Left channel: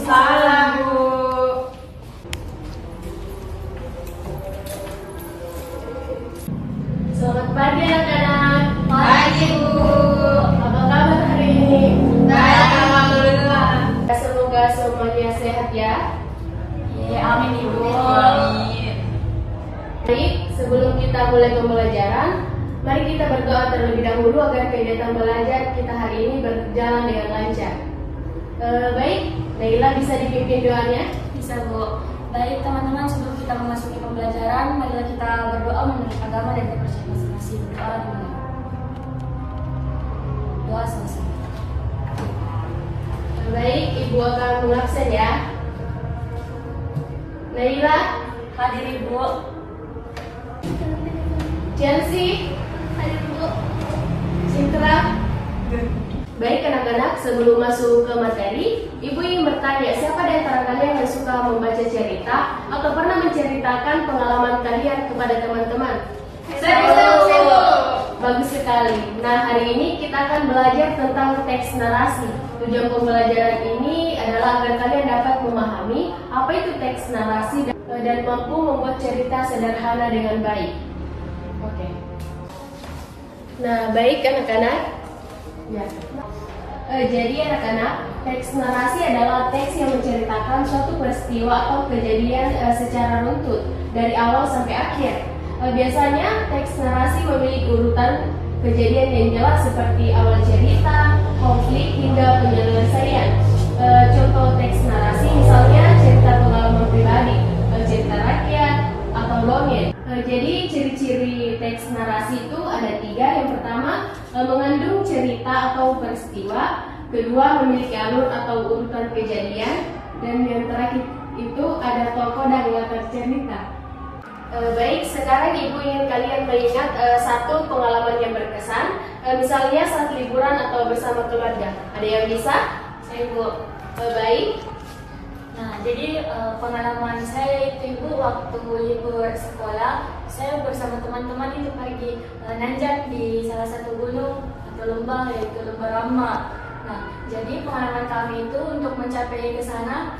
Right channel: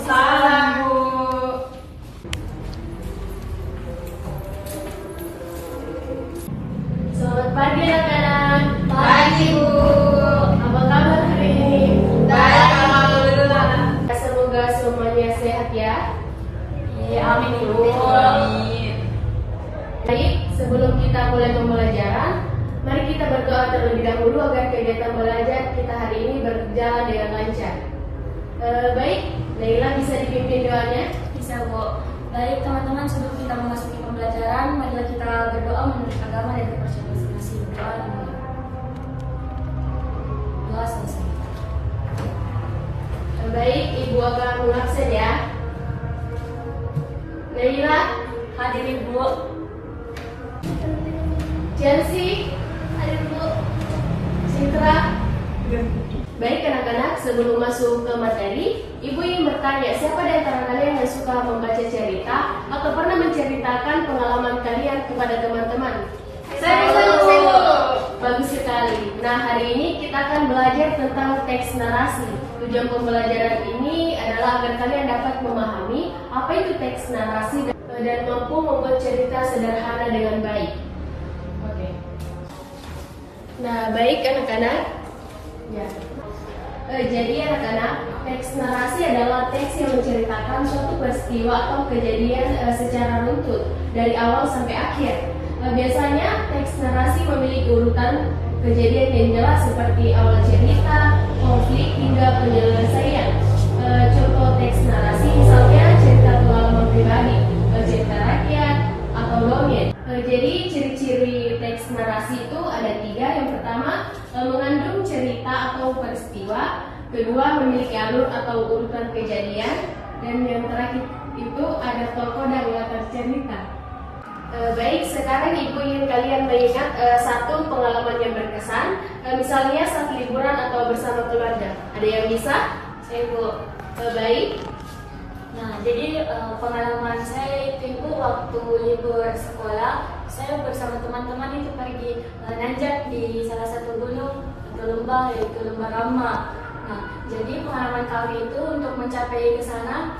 Waalaikumsalam, Bu. Selamat pagi anak-anak. Pagi, Bu. Apa kabar hari ini? Baik, alhamdulillah. Semoga semuanya sehat ya. Iya, amin, Ibu. Amin. Baik, sebelum kita mulai pembelajaran, mari kita berdoa terlebih dahulu agar kegiatan belajar kita hari ini berjalan dengan lancar. Baik, Naila bisa dipimpin doanya? Bisa, Bu. Baik teman-teman, sebelum kita memasuki pembelajaran, marilah kita berdoa menurut agama dan kepercayaan masing-masing. Doa selesai. Baik, Ibu akan mengabsen ya. Naila, Hadir, Ibu. Chelsea, Hadir, Bu. Citra. Baik anak-anak, sebelum masuk ke materi, Ibu ingin bertanya, siapa di antara kalian yang suka membaca cerita atau pernah menceritakan pengalaman kalian kepada teman-teman? Saya. Bagus sekali. Nah, hari ini kita akan belajar tentang teks narasi. Tujuan pembelajaran ini adalah agar kalian dapat memahami apa itu teks narasi dan mampu membuat cerita sederhana dengan baik. Oke. Nah, baik anak-anak. Ya. Jadi anak-anak, teks narasi adalah teks yang menceritakan suatu peristiwa atau kejadian secara runtut dari awal sampai akhir. Biasanya teks narasi memiliki urutan kejadian yang jelas seperti awal cerita, konflik hingga penyelesaian. Contoh teks narasi misalnya cerita pengalaman pribadi, cerita rakyat, atau dongeng. Jadi ciri-ciri teks narasi itu ada 3. Yang pertama, mengandung cerita atau peristiwa. Kedua, memiliki alur atau urutan kejadian. Dan yang terakhir itu ada tokoh dan latar cerita. Baik, sekarang Ibu ingin kalian mengingat satu pengalaman yang berkesan, misalnya saat liburan atau bersama keluarga. Ada yang bisa? Saya, Bu. Baik. Nah, jadi pengalaman saya itu, Ibu, waktu libur sekolah, saya bersama teman-teman itu pergi nanjak di salah satu gunung atau lembah, yaitu Lembah Rama. Nah, jadi pengalaman kami itu untuk mencapai ke sana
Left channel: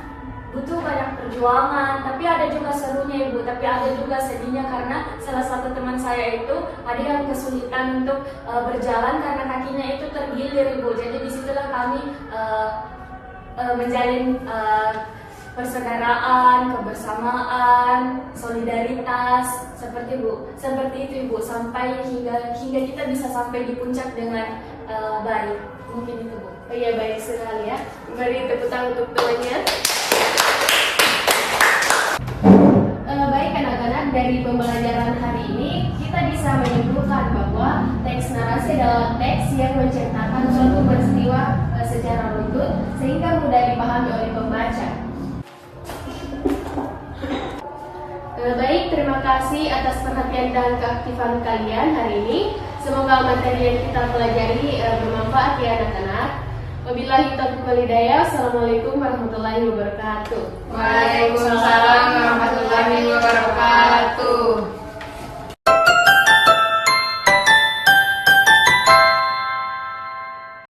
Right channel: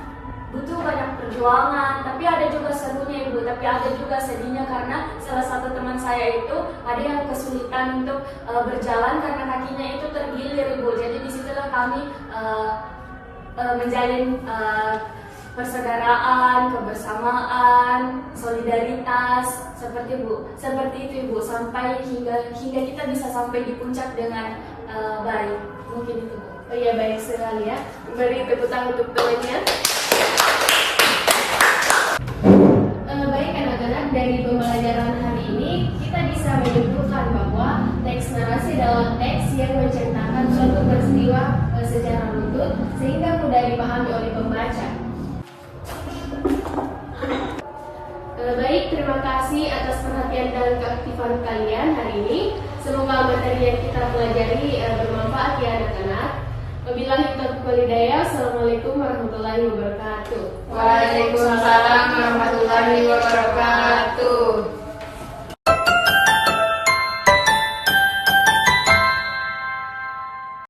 butuh banyak perjuangan, tapi ada juga serunya, Ibu, tapi ada juga sedihnya karena salah satu teman saya itu ada yang kesulitan untuk berjalan karena kakinya itu tergilir, Ibu. Jadi disitulah kami menjalin persaudaraan, kebersamaan, solidaritas, seperti itu, Ibu, sampai hingga kita bisa sampai di puncak dengan baik. Mungkin itu, Bu. Oh iya, baik sekali ya. Beri tepuk tangan untuk temannya. Baik anak-anak, dari pembelajaran hari ini kita bisa menyimpulkan bahwa teks narasi adalah teks yang menceritakan suatu peristiwa secara runtut sehingga mudah dipahami oleh pembaca. Baik, terima kasih atas perhatian dan keaktifan kalian hari ini. Semoga materi yang kita pelajari bermanfaat ya anak-anak. Wabillahi taufiq wal hidayah. Assalamualaikum warahmatullahi wabarakatuh. Waalaikumsalam warahmatullahi wabarakatuh.